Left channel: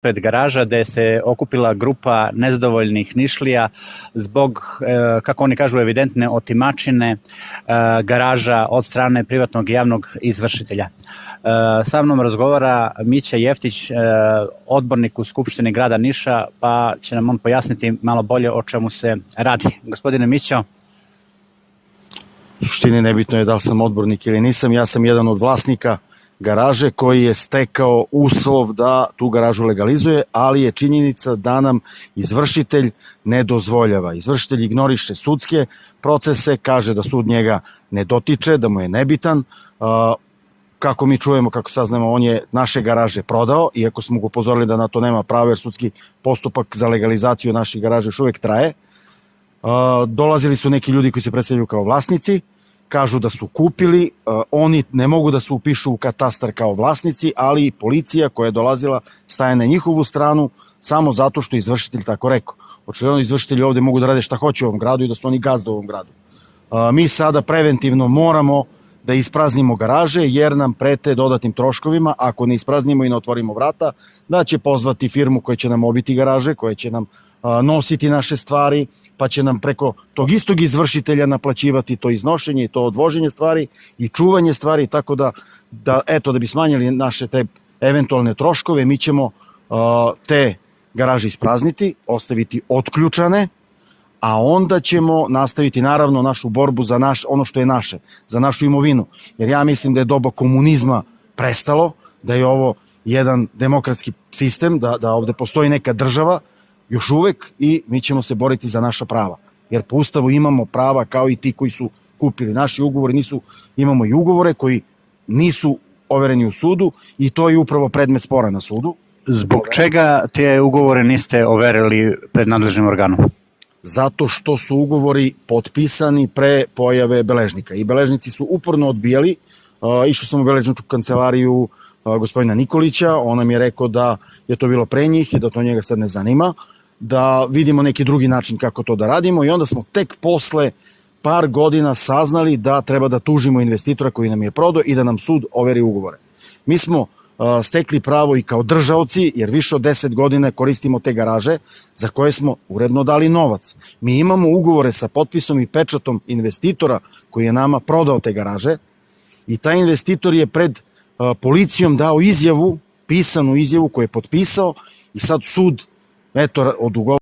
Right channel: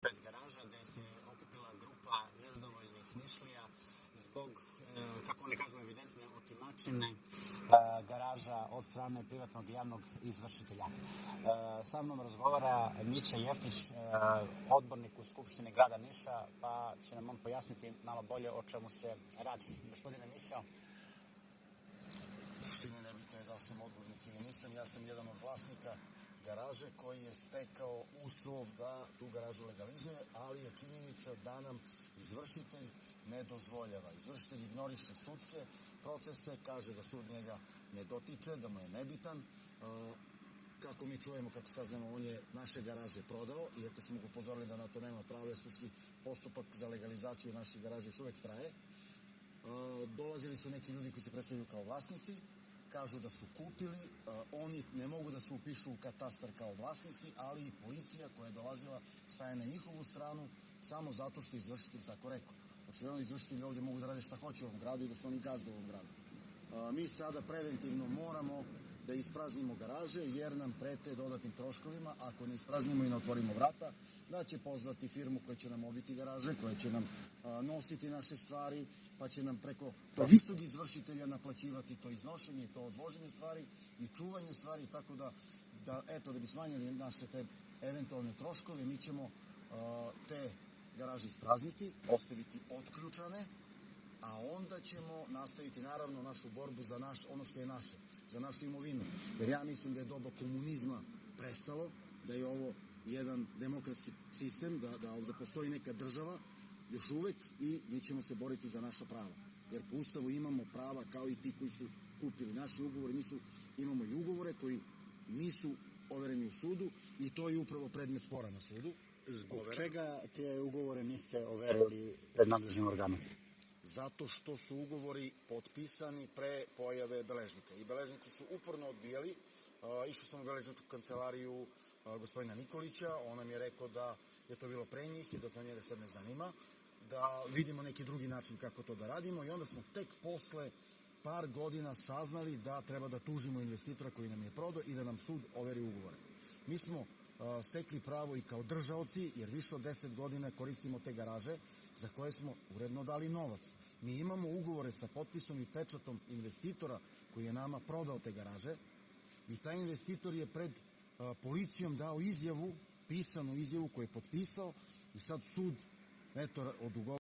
pred garaža gde se okupila grupa nezadovoljnih Nišlija zbog, kako oni kažu, evidentne otimačine garaža od strane privatnog i javnog izvršitelja. Sa mnom razgovara Mića Jeftić, odbornik u Skupštini grada Niša, pa će nam on pojasniti malo bolje o čemu se radi. Gospodine Mićo. U suštini nebitno je da li sam odbornik ili nisam, ja sam jedan od vlasnika garaže koji je stekao uslov da tu garažu legalizuje, ali je činjenica da nam izvršitelj ne dozvoljava. Izvršitelj ignoriše sudske procese, kaže da sud njega ne dotiče, da mu je nebitan. Kako mi čujemo, kako saznamo, on je naše garaže prodao, iako smo ga upozorili da na to nema pravo, jer sudski postupak za legalizaciju naših garaža još uvek traje. Dolazili su neki ljudi koji se predstavljaju kao vlasnici, kažu da su kupili, oni ne mogu da se upišu u katastar kao vlasnici, ali policija koja je dolazila staje na njihovu stranu samo zato što je izvršitelj tako rekao. Očigledno izvršitelji ovde mogu da rade šta hoće u ovom gradu i da su oni gazda u ovom gradu. Mi sada preventivno moramo da ispraznimo garaže jer nam prete dodatnim troškovima ako ne ispraznimo i ne otvorimo vrata, da će pozvati firmu koja će nam obiti garaže, koja će nam nositi naše stvari, pa će nam preko tog istog izvršitelja naplaćivati to iznošenje i to odvoženje stvari i čuvanje stvari, tako da bi smanjili naše te eventualne troškove, mi ćemo te garaže isprazniti, ostaviti otključane, a onda ćemo nastaviti naravno našu borbu za ono što je naše, za našu imovinu. Jer ja mislim da je doba komunizma prestalo, da je ovo jedan demokratski sistem, da ovde postoji neka država još uvek i mi ćemo se boriti za naša prava. Jer po Ustavu imamo prava kao i ti koji su kupili. Naši ugovori nisu, imamo i ugovore koji nisu overeni u sudu i to je upravo predmet spora na sudu. Zbog čega te ugovore niste overili pred nadležnim organom? Zato što su ugovori potpisani pre pojave beležnika i beležnici su uporno odbijali. Išao sam u beležničku kancelariju gospodina Nikolića, on nam je rekao da je to bilo pre njih i da to njega sad ne zanima, da vidimo neki drugi način kako to da radimo i onda smo tek posle par godina saznali da treba da tužimo investitora koji nam je prodao i da nam sud overi ugovore. Mi smo stekli pravo i kao držaoci, jer više od 10 godina koristimo te garaže za koje smo uredno dali novac. Mi imamo ugovore sa potpisom i pečatom investitora koji je nama prodao te garaže i taj investitor je pred policijom dao izjavu, pisanu izjavu koju je potpisao i sad sud odugovara